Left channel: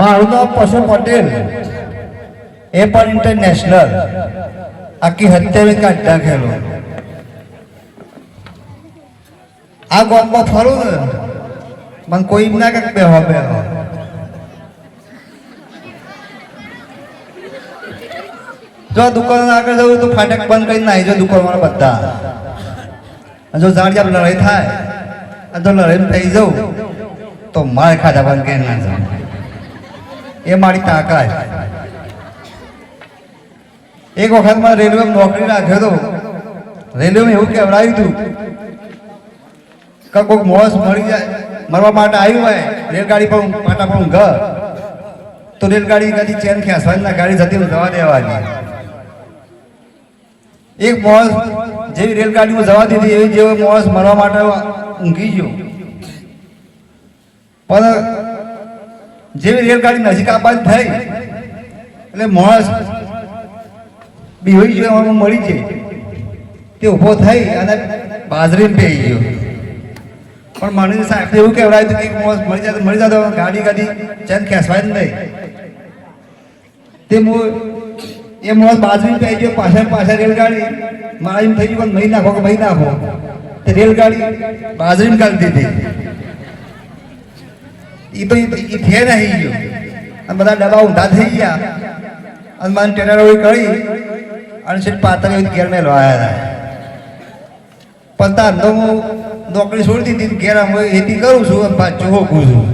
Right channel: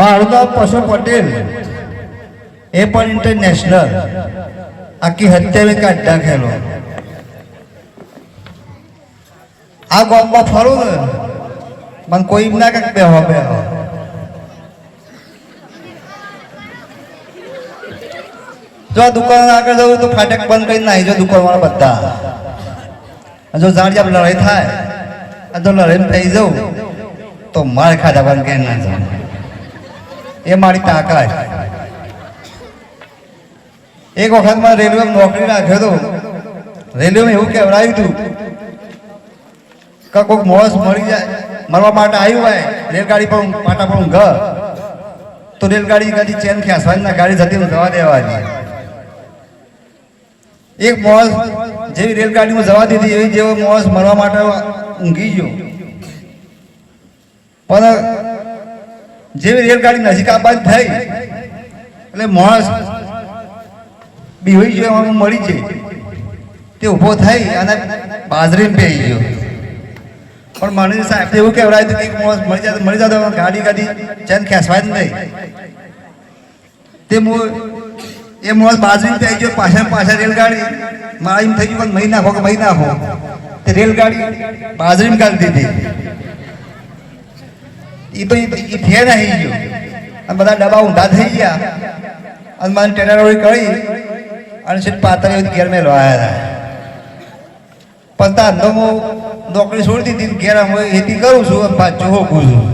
મારું નામ પશુ પટેલ, એ પણ ઇન્ટરનેશનલ આખી હત્યાવી કાઢ ખેલો આ ગામમાં ફરું ને, મને કોઈ ના કંઈક બેહો બેહો. જો દુકાન આગળ જવું તો ફાટક બંધ કરીને નાહી જો દુકાનવાળા બધા. જો જાણ જાપ લડાઈ થાય, અને જો લડાઈ થઈ જવું, તો માર ખાધા બંધ કરી ના જાઉં એ મારી તાકાત એક વખતમાં રેલવે નોકરી નાખ્યો હતો. રેલવે એવું કહેવડાવ્યું હતું કે કોઈક મોસ મળી જાય, મળવા માટે આવ્યું હોય, રેલગાડી પર પાટા પર ઊંઘ તો રેલગાડી કદી ચેન ખેંચવાની ના, ગાડી જતી જવા દેવાની. એક મોસ જેવી રેલગાડીમાં જવા દીધી, એવી જેવો મોસ મળવા માટે ઊંઘી ગયો. પણ જેવી રેલગાડી નજીક આવવાની થઈ. એટલે માણસ બીહોઈ ગયો મળી જાય તે ઊભો થઈ અને બાજરી પેઈ ગયો. પણ મને સાહેબ એવું કહેવડાય હતું કે માણસ મળી જાય તો મળી જતો ગાડી ગાડી ચેન ખેંચવાય જ નહીં. તે એ માણસ બાજરી પેઈ ગયો, પાછળ પાછળ રેલગાડી મારા એમ થઈ ગયું પણ મહી નાખો કે મહી નાખો તે રેલગાડી બાજરી કાઢી દીધી. એ તો એ થે આવી ગયો. અને બધા ડબ્બા ઊંધા થઈ ગયા. અને મને ટેનારોળી કરી અને સીટ પાતળી ઘેર મેં આવ્યા હતા. પણ તાર તો હું નોકરી છોડી દીધી ઘેર હું કરું છું અને પાછું હોકું છું.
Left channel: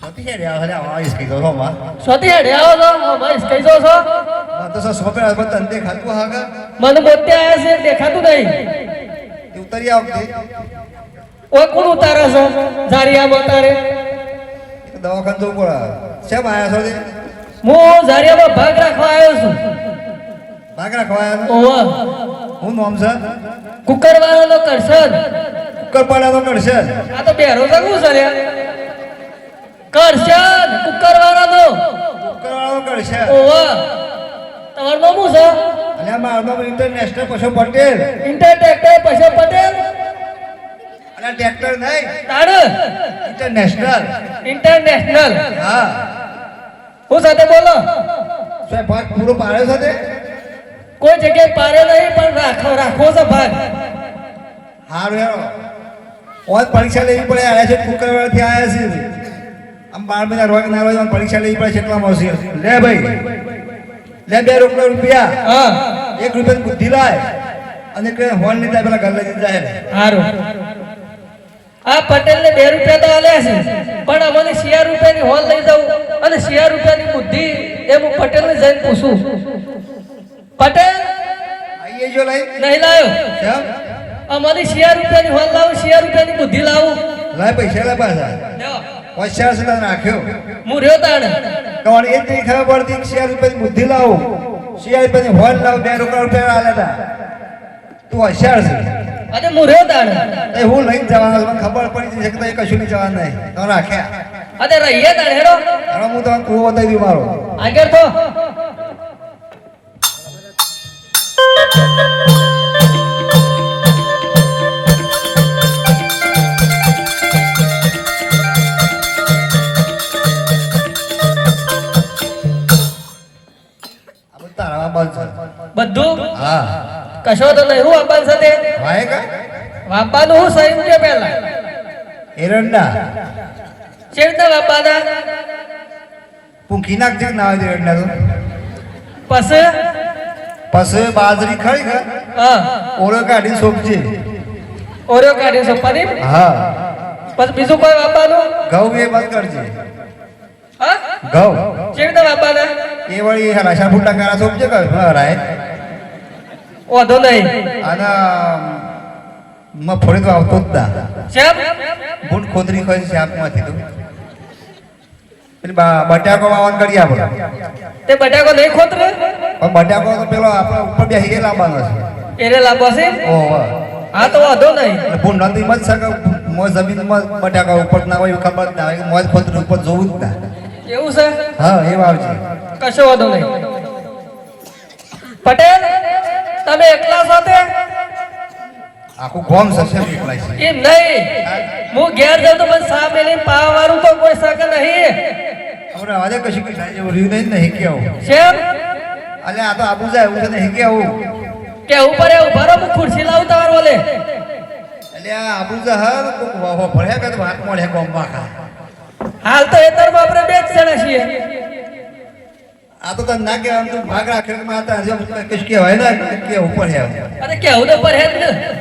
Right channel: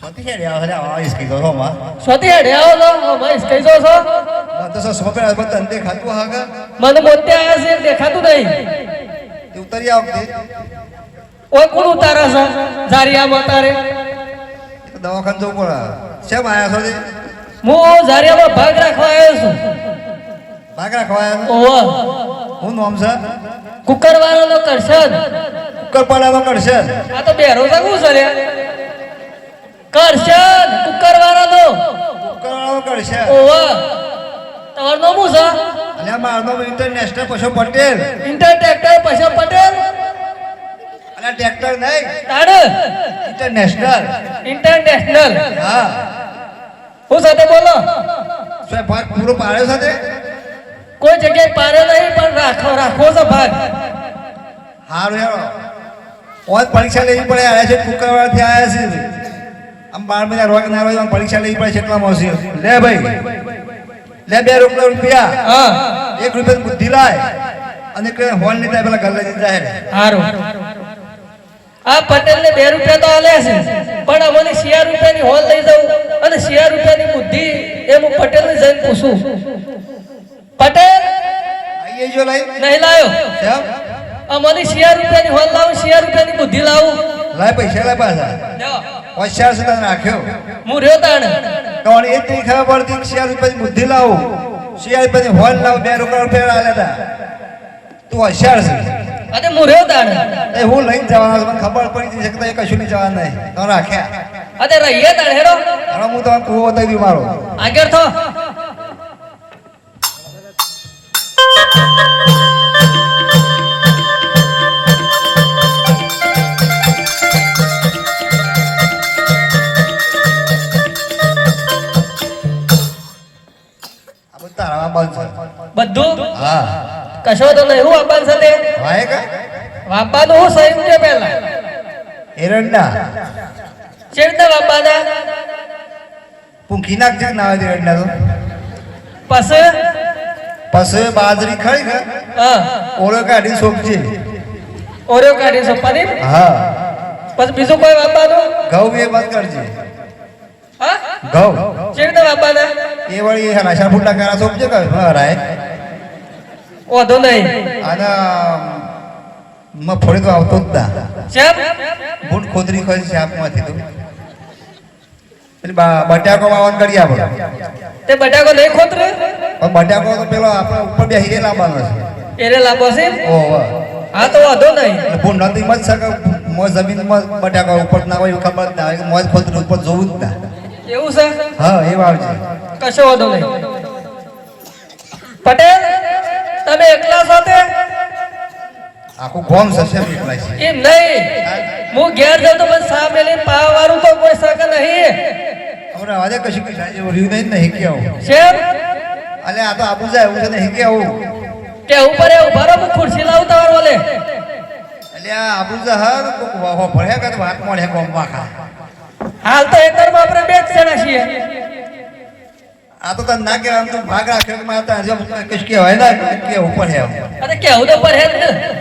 સોતી છે રે અરે આ ઇસકી તો હોમાં સ્વતી હેડે આવો તો ભાઈ, કઈ છો? છો મને તો સોપે આ બધું અંતે ખાતું હાગા મને બોતે આવ્યા છે દેખાતું નહીં. તે ઉતરી આવતી ઓય કોણ ઉતારે છે? ઝારિયા ઉતારે. દવાખાને જવું પડે. શેમ આયા છો તે હું ઝારિયામાં ભાગ રાખવા આવ્યો છું. ભાગ રાખવા ઓવા. હું નામ છે? કુકરવાળાનો કરશન કુકરપાડાનો કરશે? આ તો બેરો છે શું છે રે? કરશન કુકરવાળાનો. કુકરવાળાનો કરશે. ઓવા. તમારું નામ શું છે. અને મારું ઇન્ટરનેશનલ પશુ પટેલ. ઇન્ટર ટ્રેક્ટર પૈસા પટેલ. અને ટ્રેક્ટર નહીં. તાડ ઇન્ટરનેશનલ ઇન્ટરનેશનલ હા. હું સાથે બોલો. એ ભાગ પૂરો પાડ્યો છે કોઈ જગ્યાએ પાડે નહીં પણ રાખો રાખવો છે ભાગ. હારું યાર ઓજ પરીક્ષા લેવી પડે આવ્યા છે ત્યાં આવ્યા છે. આમ બાર મહિના રોગ ના રોજ પરીક્ષા લેવી પડે છે એટલા મળશે? લે ભાઈ. લે બે રૂપિયા રૂપિયા. હા. એક રૂપિયા બુદ્ધિ લાય. અને એક હોલની પેલા ઘર લઈ જાય. સારું આ પટેલ ને બે રૂપિયા તો આલે છે. પણ અમને શિયાર રૂપિયાની હોલ લઈ દઉં અને શિયાર રૂપિયાની બુદ્ધિ એ હું પટેલ ને જઈને પૂછું. પટેલ! આઈએ જો લઈ. નહીં લાયો. અમારી શિયાર રૂપિયાની હોલ લાવું શિયાર રૂપિયાની બુદ્ધિ લાવું. લાય પૈસા લાય પાછા. હોશિયાર તને રાખ્યો હું રહ્યો તાણે? તમારે એ જ ખબર પડતી શિયાળ પછી બુદ્ધિ લાવું. શિયાળ પછી હોલ લાવું બે રૂપિયા રૂપિયા આલેલા તું. હોશિયાર છે. અરે હું રહ્યો તાણે? એ હું લઈને જવાનો મને ખબર પડી જશે કે તો કશું નહીં જવાનું નહીં. તો રાખ્યા. અરે રહીએ તાણે હેડો. હવે હું તમને કુવો બતાવી દઉં મારો. આગળ થો. છે. બધું? હા. કશો તો નહીં હું અંબાન સાથે? વાય કા? વાપાનું હું સહી કે પહેલા? એરંડા. ચેડતા વાપાના? પૂંખી નાખજે ના નાવે એરંડા તો. પસે પસે બાજરી ખરી ને હા. ઓળો કાઢી સોપજે. ઓળો કાઢી છો પનીર હા. પછી બીજું કોઈ વાપાનું? ઘઉં એ બંધ કરજે. હા? ઘઉં. ચેડતા વાપવાના એ વળી રાશા ફૂટા કારા સોપજે રાય હરાય વાંધો નહીં. અને ફોડી તો આવતો જ ના શેપ બૂટ ખોદરી ખોદી શાકમાંથી તો. એટલે બા- બટાકો વાવન કરી આપણે તે બટાકો નહીં ખોતરે પણ બટાકો તો પેલો આપણે ઉપર બેસી ગયેલા લાવવાનો છે. એને લાંબો છે? ઓ હા તો વાંધો નહીં. ભૂલ નથી મત શકે મોજ જમીનમાં બટાકા ઉપર ના હોય ખબર ના હોય મોજ ખોતરી ઉપર જોવું જ ના. એવું છે? હા એ વાવજે કશો વાંધો નહીં. પટેલ તમે એકલા સાથે? આખું ગોમ સસે નીકળાય છે એમ નહીં. હું ઘેર જાઉં તો મને સા મેલી પાવા વાળું તો કોઈ શકે નહીં. અમને આજે કશું કઈ થાય એવું રહ્યું નહીં નહીં આવું. શેમ? અલે આ તો આબુ જાય એવું છે નહીં કેવું કે ઉપર એ ઊભા રહો હું ખુરશી લાવું તમારે બોલે આ આબુ જાય હર કોક વાહો ભળ્યા કે વાત મળે ગોમમાં ખા. હાલ તો એકરમાં આપણે બે જ જણા છીએ. આ તો તને ના કહેવાય આમ તો ભાગ રાખે હતા મારે કશ કહેવાય ના કે ઉપર હે અરે કેવું તો પર હે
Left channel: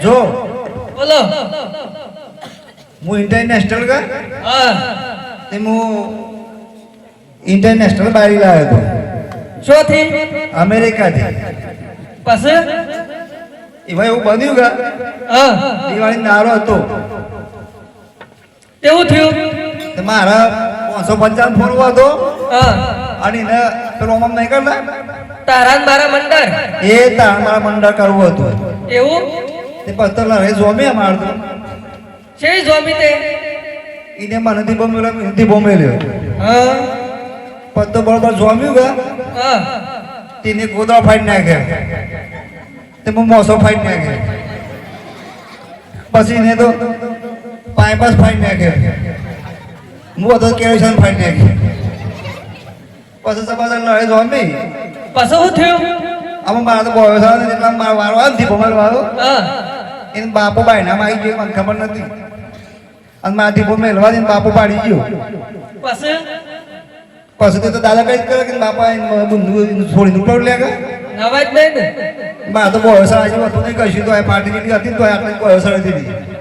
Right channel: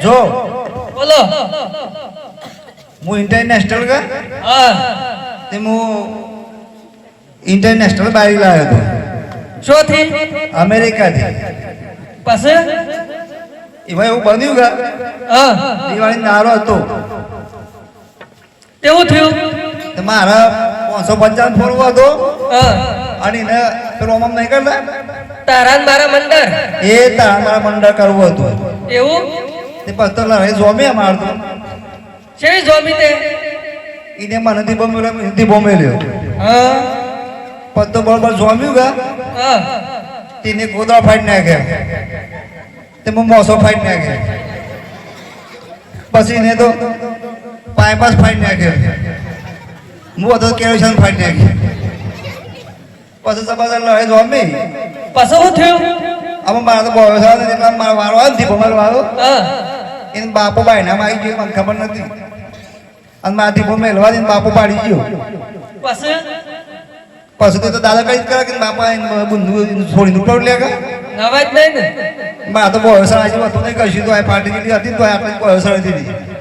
જો બોલો. હું ઇન્ટરનેશનલ ગા હા. તે હું ઇન્ટરનેશનલ બારી લાવ્યો હતો. શું થી અમેરિકાથી. પછી? એમાં એવું બન્યું ગા. હા. દિવાળી નારો હતો. કેવું થયું? મારા પાંચસો પંચાવન ફોન હતો. હા. અને એને પેલો આમ નહીં કરતા. તારા મારા મંડળ? એ તારા મારા મંડળ કરવું હતું. એવું? તે પછી તો લડાઈ જોમી તો. છે જોમી તે? એને મનેથી બોમેલો હિન્દી બોમેલ્યો હા. પછી તો બરોબર જોમ્યું કે? હા. તેને ગોદા ફાડી નાખ્યા. તે હું મોસો ફાડી નાખ્યો. પછી એને તો પાઇપાસ ફાડી નાખ્યો. હું હતો કેરોસન ફાડી નાખ્યો પછી તો પાછા લડાઈ જોમી પછી શું થયું? મારા તો બોયો સાહેબ એટલા મારો વારો આવે ભમર વાળો. હા. એને બાપો બાયનામાં આવી ગયો મને ખબર નથી. અને મારા દીપો મેળવા દઈને બાપુ પાડી ગયો. પછી? પછી તો તો દાદા કઈ કરે કે બાપા બંધુ છોડીને ઉપર લે કે. અવાજ નહીં ને? મારે તો બોયો સાહેબ વસ્તુ નહીં કશું તો આ પાર્ટી હતી તો આટલી બોયો સાહેબ દીધી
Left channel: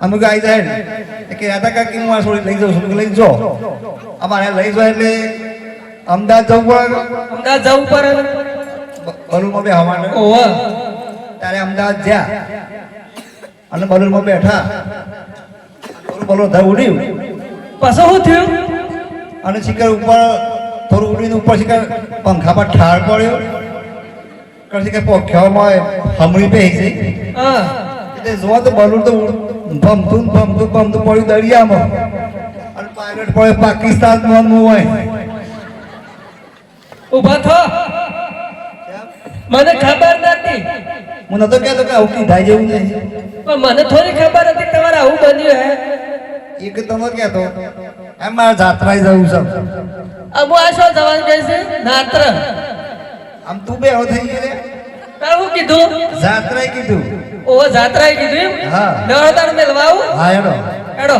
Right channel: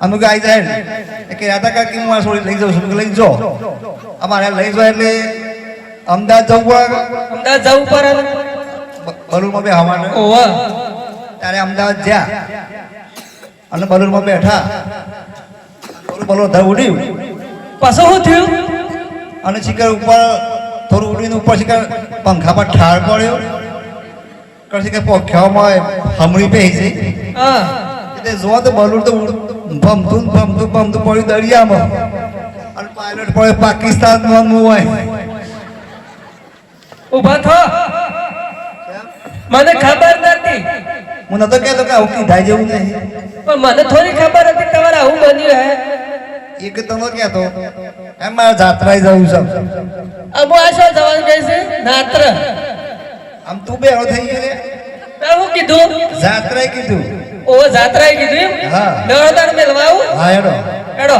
અમે ગાઈ જાય કે એ કહેતા હતા કે હું આ છોડી લઈ જાઉં છું. લઈ જો. અમારે લઈ જાય એટલે અમદાવાદ જવું પડે અમદાવાદ જવું પડે. બલુરમાં બે હવાને. ઓહો. ત્યારે અમદાવાદ ગયા. અને બલુરમાં બેઠા. બલુર બલુર ધર ઉડ્યું પાછો શું થયું? અને શિખર ઉપર થોડું ઉડીને ઉપર શિખર પંખા પર ઠાર પડ્યો. કશી કે પોખ્યામાં હમણી પે છે હા. એટલે જો તો બલુર તો ભમતું ભમતું ભમતું પડ્યું દરિયામાં. અને પાયલટ પડે પાકિસ્તાનમાં મુંબઈ ઊભા થો. મને ખબર નથી. મને તો કહેતો કે આવું કીધા જેવું નહીં. પણ મને થોડી ખબર હતી તમારે આવું બન્યું હે. એક તો નતો કહેતો એમ મારે જાત્રાએ જવું છે. અમુ આ શું જવાનું કહે છે? નાત્ર. આમ તું બે થઈ ગયો તાર કીધું? જાત્રાએ કીધું. ઓ જાત્રાએ કીધું હા. નવરતાને મેલવા આવું? હા એડો હેડો.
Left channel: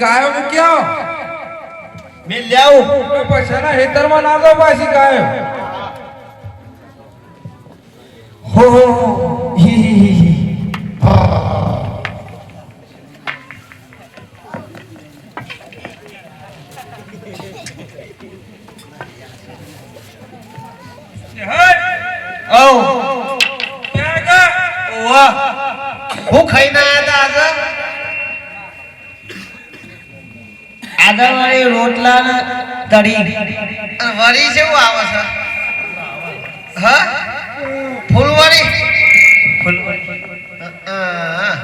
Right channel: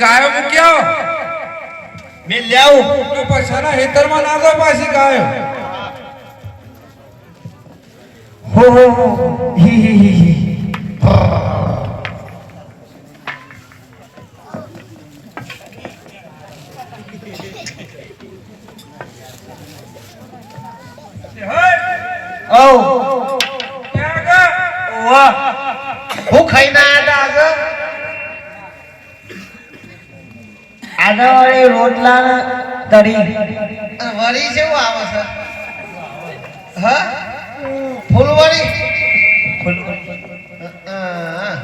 ગાયો મૂક્યો મે લ્યાવું પૈસાના હેતરમાં ના દો પાછી ગાયો. હો હો હી હી હી હી હી ઓ ક્યાં ગયા ઓવા હું ખાઈને આયા હતા વાળી રોટલા તરી. વળી જેવું આવે છે. હા? ફૂલવડી હા.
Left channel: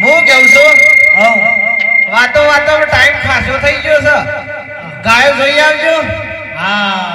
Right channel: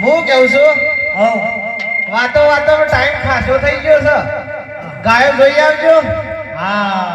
હું કેવું છું? વાતો વાતો ટાઈમ ખાસો થઈ ગયો છે. ગાયો જોઈ આવજો. હા.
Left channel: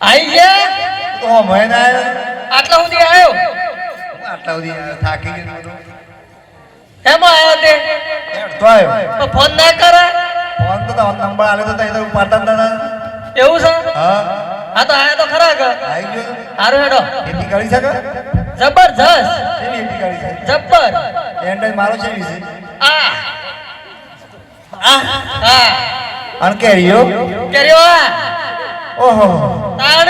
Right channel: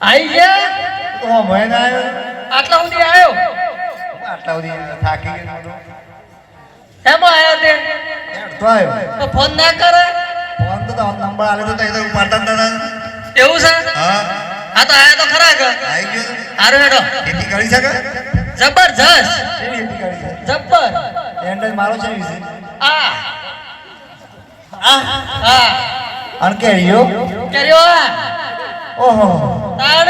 આઈ ગયા? તો મહિના આવ્યો. આટલા સુધી આવ્યો? આટલા સુધી થાકી ગયો બધો. એમાં આવ્યા તે? તો આવ્યો. તો ફોન ના કરો. ફોન તો તો નંબર આલે તો તો ઉપાડતા દાદા એવું છે? હા. આ તો આયા તો ખરા કે આવી ગયો. હારું હેડો. ખેતી કરી શકે જબરજસ્ત કેવી ખેતી કરી શકે જબર. એન્ડ મારો છે વિશે. આ. આ હા. અને કેરીઓ? કર્યો ઓહો. તાણ.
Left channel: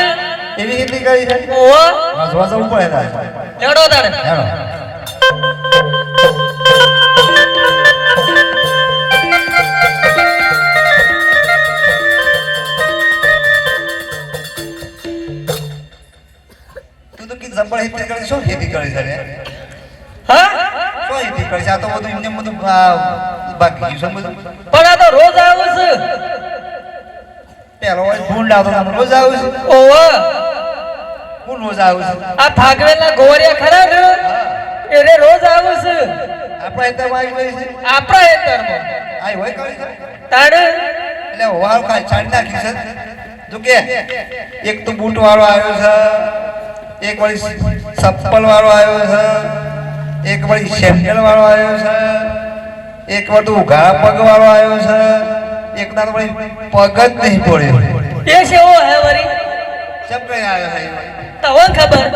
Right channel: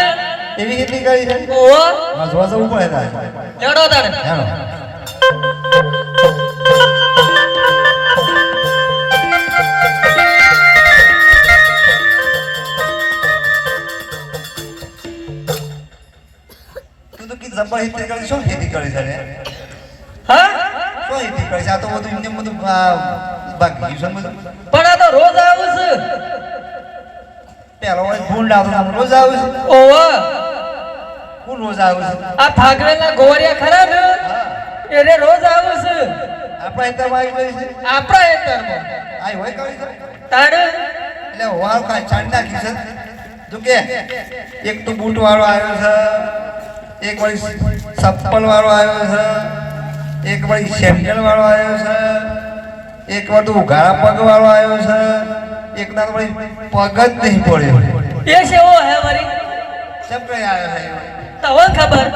એવી ખેતી કરી છે? ઓહો. જોવા જવું પડે હેડો તાણ. હેલો તું તો કીધું જબર ખેતી કરી શું ખેતી કરી છે હા? શું કરી છે? આ તો બધું એમને બધું બાકી શું બધું. પણ આ તો રોજ આવું છે. પેલો હોય ભૂંડ રોજ આવું છે. હું રોજ આવું છું. આ ભાગવેલા ગોરિયા ખરા ને? એને રોજ આવું છે. આપણા હેતરમાં આવી ગઈ છે. આપણા હેતરમાં. આ હોય કરી છે. તાણ એટલે હોવાળ કાંઈ ચાંદ નાખી છે. તું કે એક તો બૂટ વાળો આવ્યો છે એક વળી ચપ્પલ વાળો આવ્યો છે એક વળી સેન્ડલ વાળો આવ્યો છે એક વળી ઉઘાડા પગ વાળો આવ્યો છે. એક દાડો વળી પગ જ નહીં પડ્યો એ છે ઓ હે વરી? ચપે આવ્યો છે તને ખબર?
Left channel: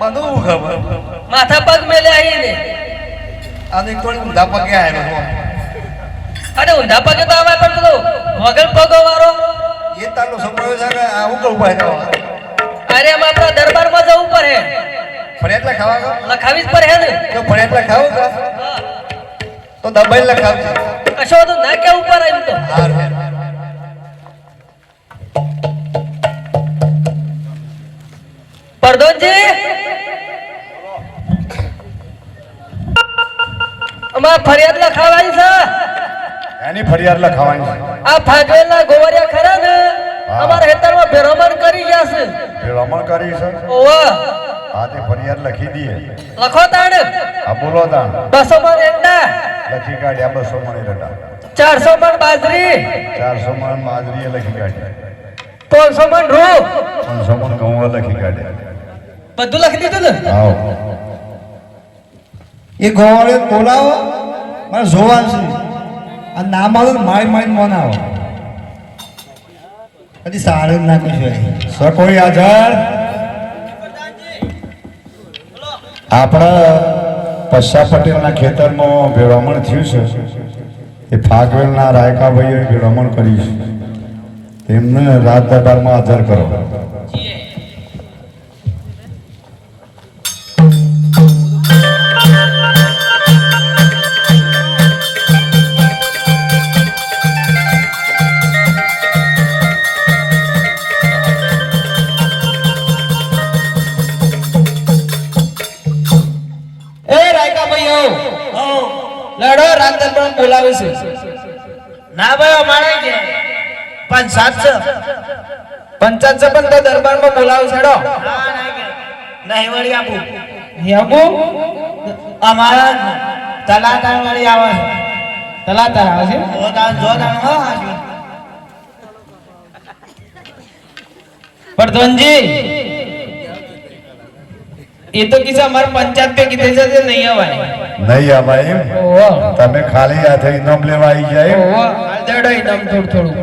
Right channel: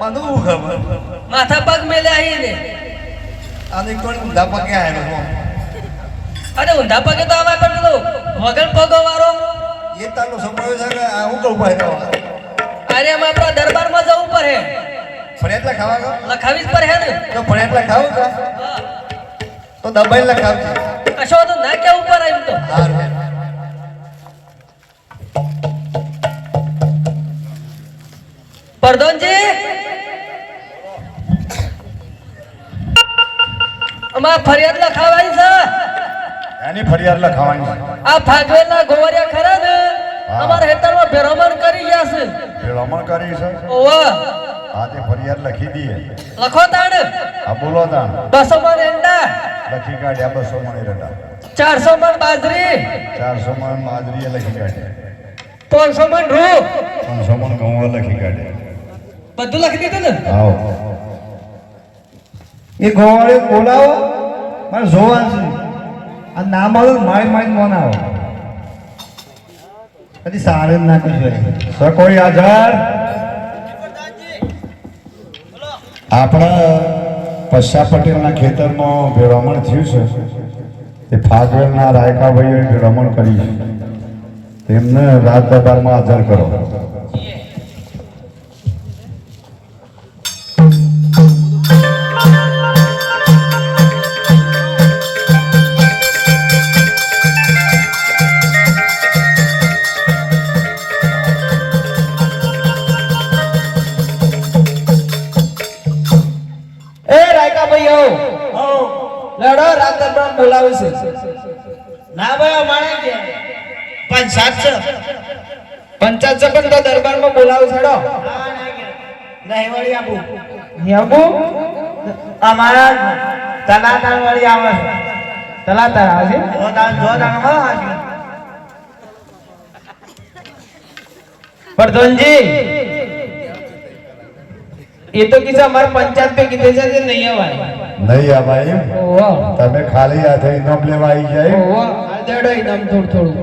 મને ખબર? માથા પગ મેલે આવીને અને કોણ ઊંધા પગે આવ્યો. અરે ઊંધા પગે તો આવે પણ પેલો વગર પગો વાળો એ તારો સંભળ્યો છે કે આ હું કરું ભાઈ અરે આપણા દરબારમાં જવું પડે. ફરિયાદ ખાવા ગયો? લખાવી જ પડે ને? તો ફરિયાદ ખાવ કા તો દબાઈ લખાવજે. કશો તો ના કે ઉપર એમ તો. પરદોનજી અમારે ફરિયાદ લખાવાની છે. એની ફરિયાદ લખાવાની. આ ભાગવેલના ગોવરિયા ખરા ને. અમારા હેતરમાં ભેરામણ કરી ગયા છે. ભેરામણ કરી છે. ઓવા. હા તે ફરિયાદ લખી દઈએ. લખો તાણ. આ બોલો તાણ. બસો મણ એંડા લખી કાઢ્યા બસો મણી રટા ચારસો મણ બાજરી. ચારસો મણ બાજરી લખી કાઢ્યા. ત્રણસો મણ રૂ. પાંચસો મણ ઘઉં લખી કાઢ્યા. બધું લખી દીધું ને? આવો એ ગોવાળે બોલાવો મારે જોવાનું છે. આ નામ આવે માય માય મોન આવો. કદી સારું ના સર કોઈ હાજર આપણા પશ્ચા પટેલના ખેતરમાં ભેળવણ થયું છે. એ ફાગવેલના રાયકાભાઈએ ભેળવણ કરી છે. તેમને રાજ દરબારમાં હાજર કરો. પણ છે પણ તો દરબારમાં બોલાવો છેડો. નહીં વળી આપું. આપું? અમારા તલાતા વળી આવે છે. તલાતા આવે છે. પ્રધાનજી એ તો કિસ્સા અમારે પંચાયત પે કીધે છે તે નહીં આવવાની. નહીં આ ભાઈ તમે ખાલી હાથે ઇનામ લેવા આવી જાય ઓહો. હાલ દેડો ઇનામ થોડું થોડું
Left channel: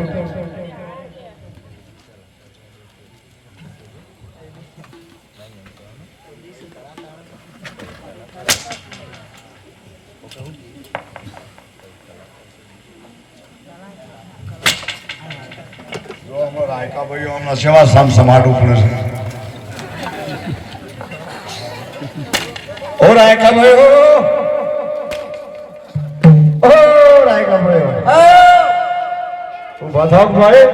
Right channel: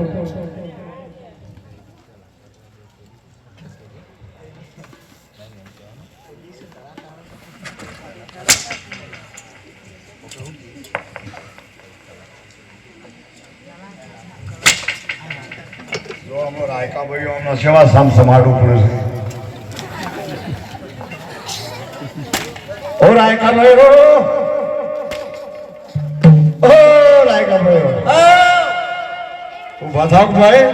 જો અમારો ભાઈઓ સેવા સામ સમાડવું પડે છે. ઓ રાયકા ભાઈઓ. ઓ રાયકા ભાઈઓ. ઊભા થાવ ભાઈ.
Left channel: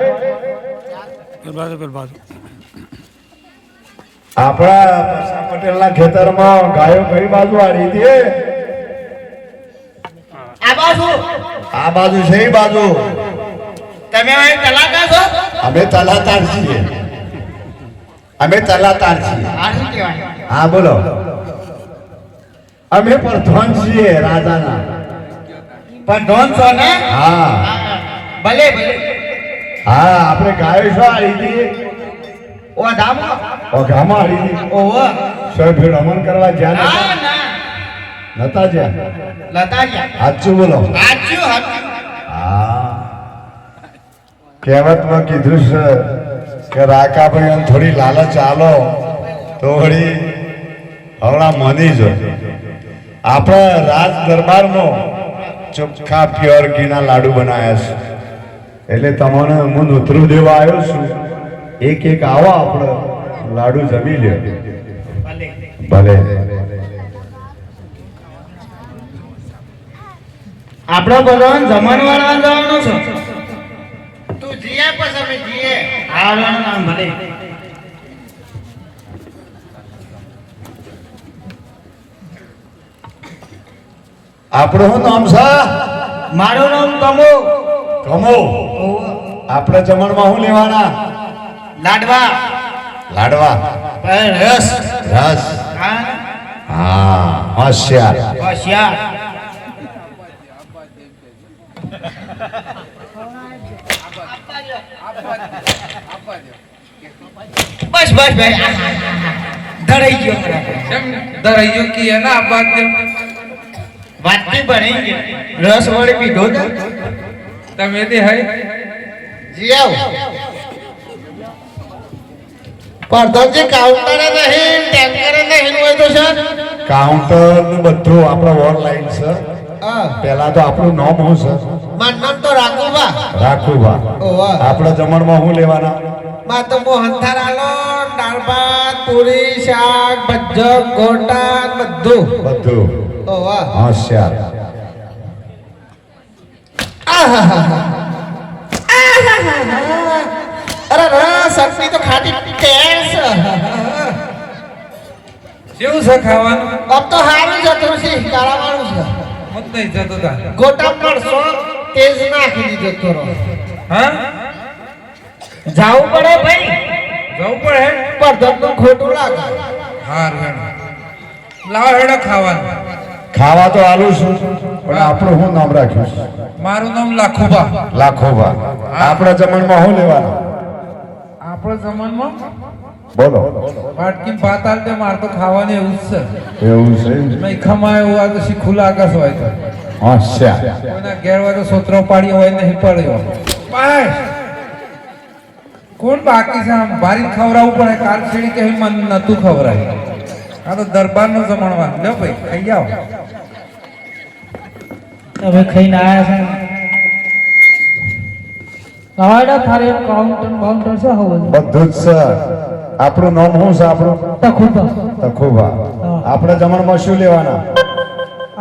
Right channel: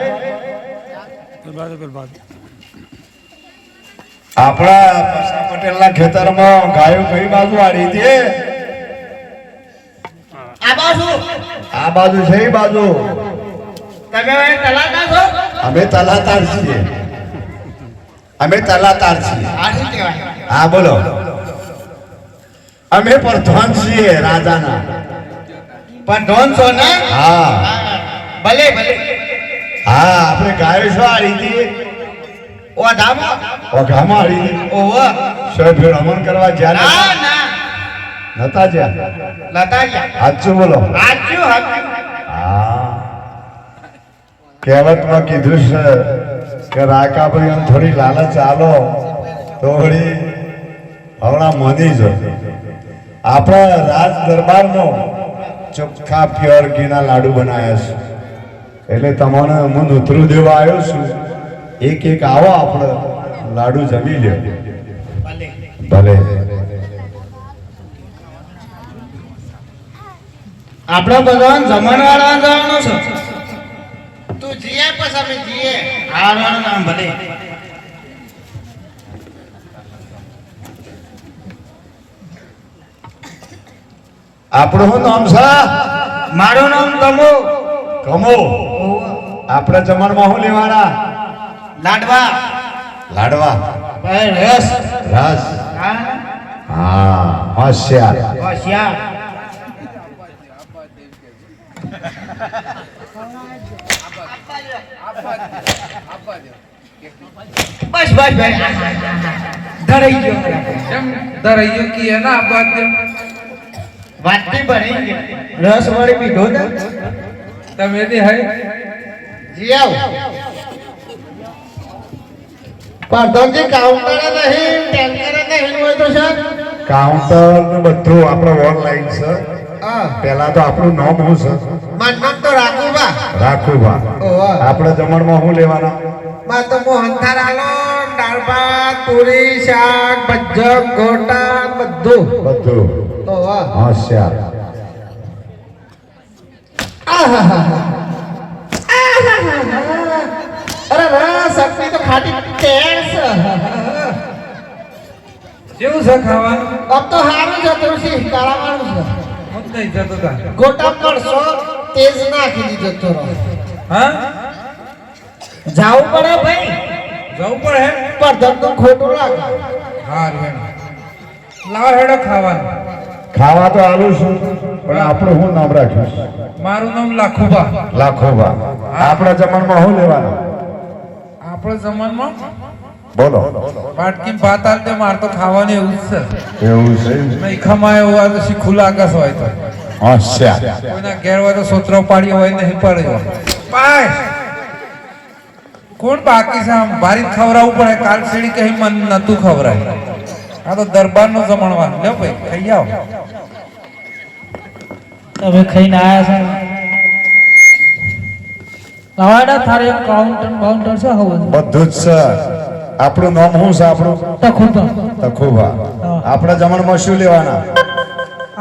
આપણા પૈસા પટેલના ખેતરમાં ગાયો કઈ બાજુ આડી હતી આ બાજુ. આ બાજુ છે એ બાજુ. તમે કલાકાર છો? અમે તલાતાર છીએ. અમે તલાતાર છીએ. હા બોલો. અમે પ્રધાન છીએ રાજાના. પણ ડોન છો ને? હા. ભલે ભલે. હા આપણે ગાયો છો આ રીતે ઓ ધામો? ઓઘામાં આ રીતે ઓહો સો રમણ કરવા ના? જ્યાં ના. નતા જ્યાં લતાયા સાચું બોલો. સાચું હા. કહેવતમાં કીધું છે કે રાકાભાઈ આમ થોડી લાલચ આલો તો વળી હમણાં મની જ આપણા રાજ દરબારનો ચોખ્ખા પ્યોર ઘીના લાડુ બનાવ્યા છે. એટલે તમને હું ઉતરું દેવા આવ્યો છું. એક એક આવો આપણે લાડુ જમી લે ભલે. આપણો ભગવાન જમણવાળા જવાનો છે. જીએ પછી અમે જીએ. હારવાનું નામ ભલે. આપણું શું નામ છે? મારું નામ તમો. કમો આપણે જમણમાં શું લેવાના? લાડવા. લાડવા. રસ. રસ. હા હોશિયાર. હોશિયાર. બસ બસ ભાઈ ધરાઈ ગયો બરાબર. એમ ધરાઈયો કે એના આપવા દે વાત વાતથી ભરાઈ ગયો. રસ વળી પીધો ને? તમે તે હે જી આવ. પ્રધાનજી કાઉન્ટર નહીં ટેન્કર નહીં હોય તો સર કાઉન્ટર બધું આપણે ઓનલાઈન છે હા પેલા તો આપણું નામ હું સર મારું નામ તો રાખુબા રાખુભા ઓહો. આપણે જમણમાં હું લેવાના? માં તો મોહનથાળ આલો દાળ ભાત પૂરી શાક ભજ્જક ગોટા બધું. બધું. હોશિયાર. અરે રસ ચટણી તો ખાટી છે. કેવું છે ખાવાનું? આમ તો હારું જતું છે કાળાવાળું છે. મત જતો તા. ગોટા મળશો તેજ નાખી દીધો તો રહો. હા? જાવું પડે ભાઈ. જવું પડે હે? પરધમનું ખોટું લાગે. લાવ હેડો ખાવાનું. ખાવા તો આલું છું પણ આપણું શું નામ રાખ્યું છે? મારું નામ લાખોભા. લાખોભા. આપણા જમણમાં શું લેવાનું? આપણો જમાનમાં બોલો. પાટકી પાતાલ તે દે માર તો ખાવાનું એવું જ છે. એવું છે? મેં ખમા એવું હોય તો શીખું આકાશ હોય તો. હોશિયાર કોઈના ઘેર હોય તો સોતરો પાડી હોય નહીં પડ્યો બાય કોણ બાકી છે આમ? ભારી ખવડાવવું પડે. કાલ સીડી કહી મન નતું ખવડાય. આ તો દરબારનું જમણવા લે ભાઈ ખાઈ આવો. તમે ખાઈને આયા છે. આડા થારે કાઉન્ટર કાઉન્ટર છે હવે બધું જ છે. આપણું નામ શું છે આપણું? તખુબા તખુભા. આપણે જમણમાં શું લેવાના?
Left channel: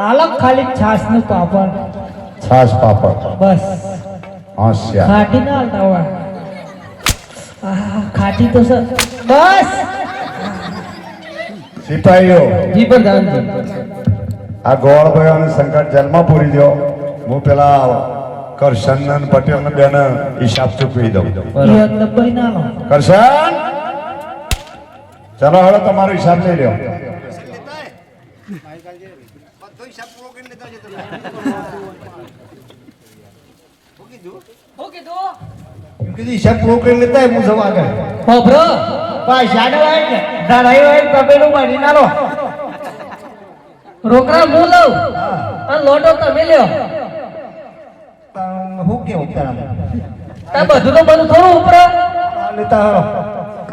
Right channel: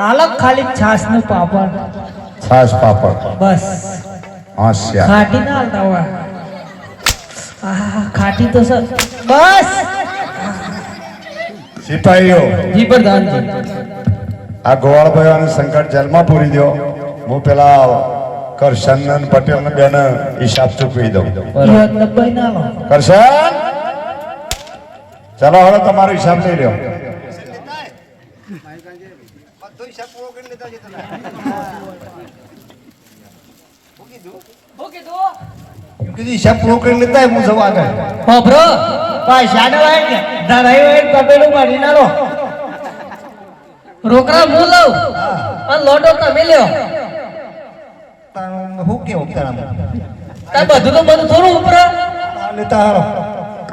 આલક ખાલી છાસનું પાપડ. છાસ પાપડ. બસ. હોશિયાર ખાટી ના હાલતા હોય. આહ, ખાટી તો સર બસ. સિપાહીઓ. જી પ્રધાનજી આ ગોવાળભાઈ અને સંકટ જેલમાં પૂરી દો હું પેલા કરશન પટેલ ને બેન હિસાબ ચૂકવી દઉં. ના લો. કરશન! ચલો હવે તમારો હિસાબ લઈ કીધું હિસાબ પૂરો કરી લેતા હું જવા હોભરો પૈસા ને હોય ને ધરાઈ હોય કપેલું ભરી ના લો રોકડા હું લઉં? અને લોટો તમે લ્યો. હું કેવું તારા બધું તો બધું થોડું ઉપરા લેતા હારો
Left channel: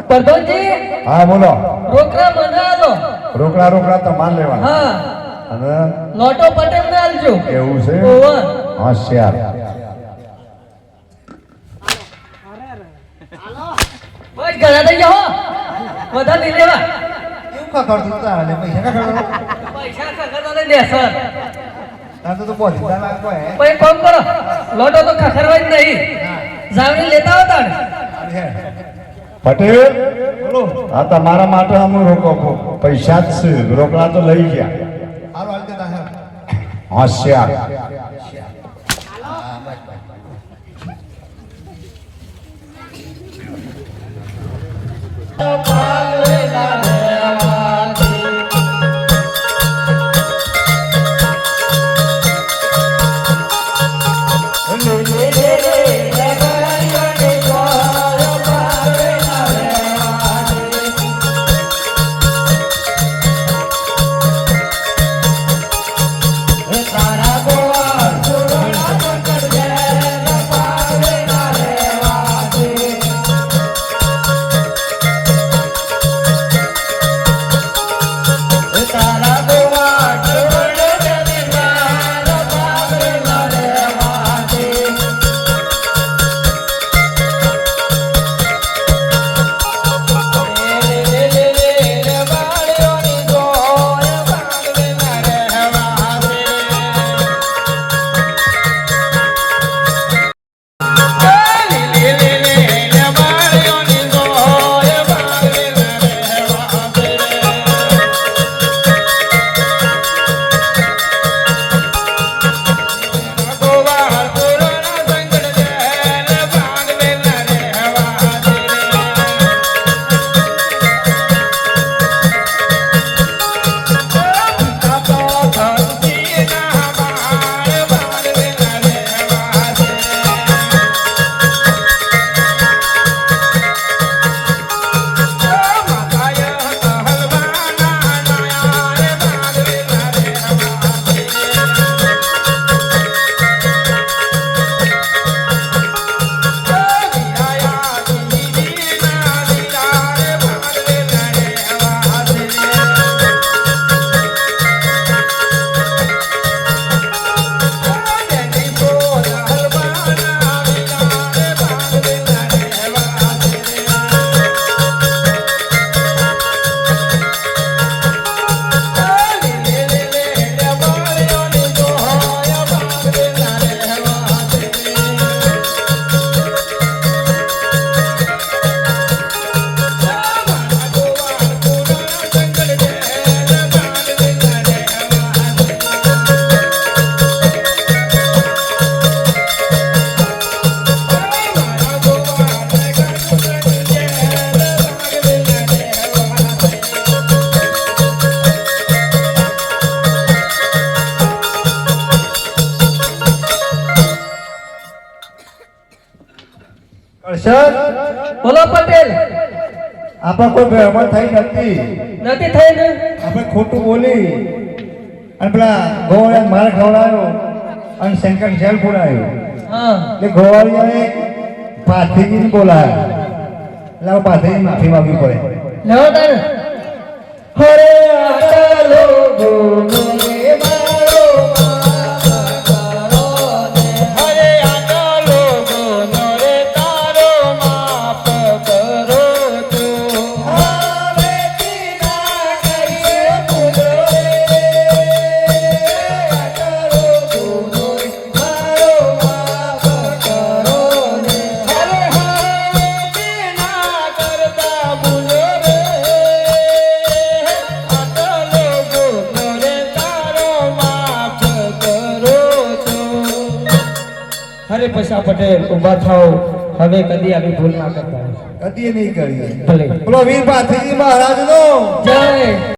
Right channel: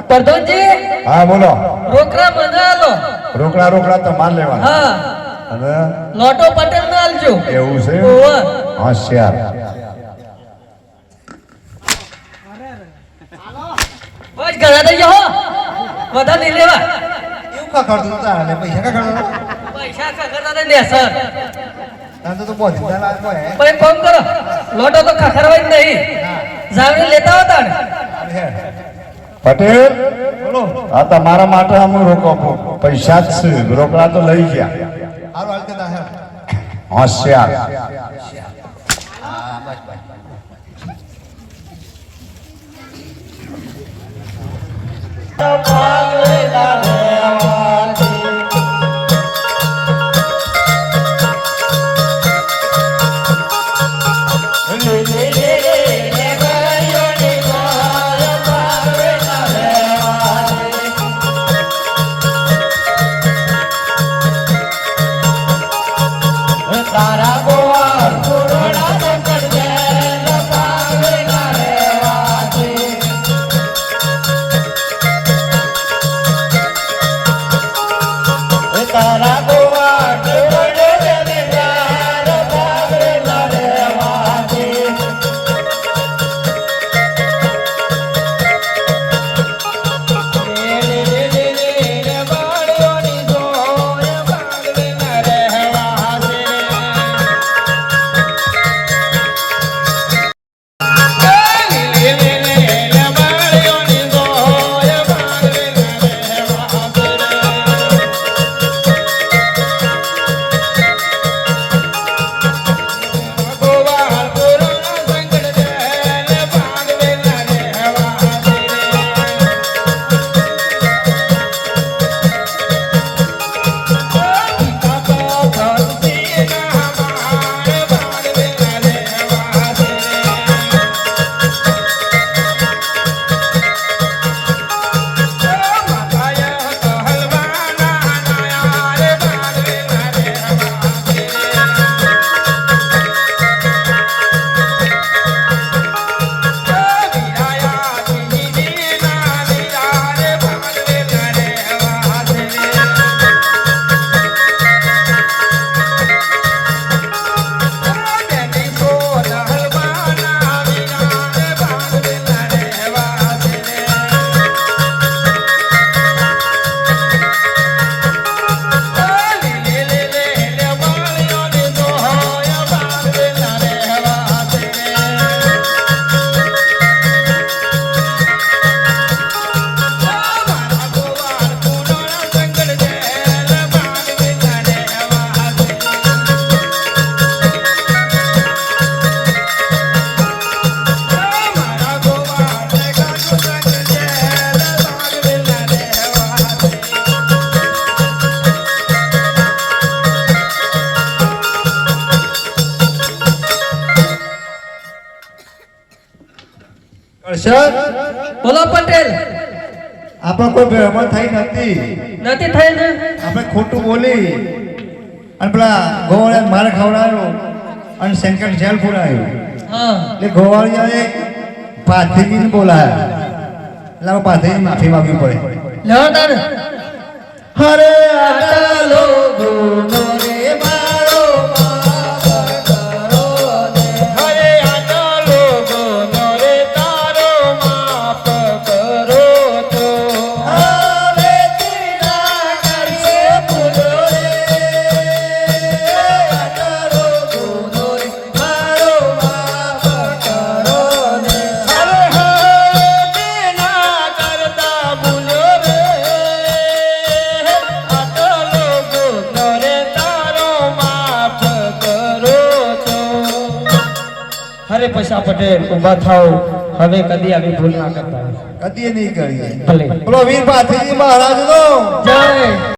પ્રધાનજી હા બોલો. રોકડા મને આલો રોકડા રોકડા તમારે લેવા હા. અને? લોટો પટેલ ને આલજો એવું છે. હોશિયાર. બસ ઘણા થઈ જાઓ. બધા નહીં લેવા. એવું કા કરતું તારા લે પૈસા કા કરતો પૈસા ખખડતા નહીં સર તો એક કરો. લોટો તો ખખડવા જ નહીં. જાવરી લેતા હોતા પટેલ હા તો તમારા માટે અમે રોકો આપો. પૈસા જ છે. રોકડા તો લઈ ગયા. હોશિયાર. હાલ સર બોલો પટેલ. આપણે કોઈ ભેળવણ થઈ નથી. નથી થઈ ને? આપણે ખોટું બોલી અને પેલા ગોવાળિયા માર ખવડાવ્યો અને શંકર જેલ પુરાયો. હા. એટલે ગોવાળિયાએ પાથરીજીને બોલાયા. એટલે પાથરીજી માફી માંગવી પડે. તારે હરે પૈસા પટેલ ઊભા થાવ હવે કદી આવી ભૂલ ના કરતા કદી નહીં કરીએ. ભલે. બોલો વીર મહારાજ નો જય.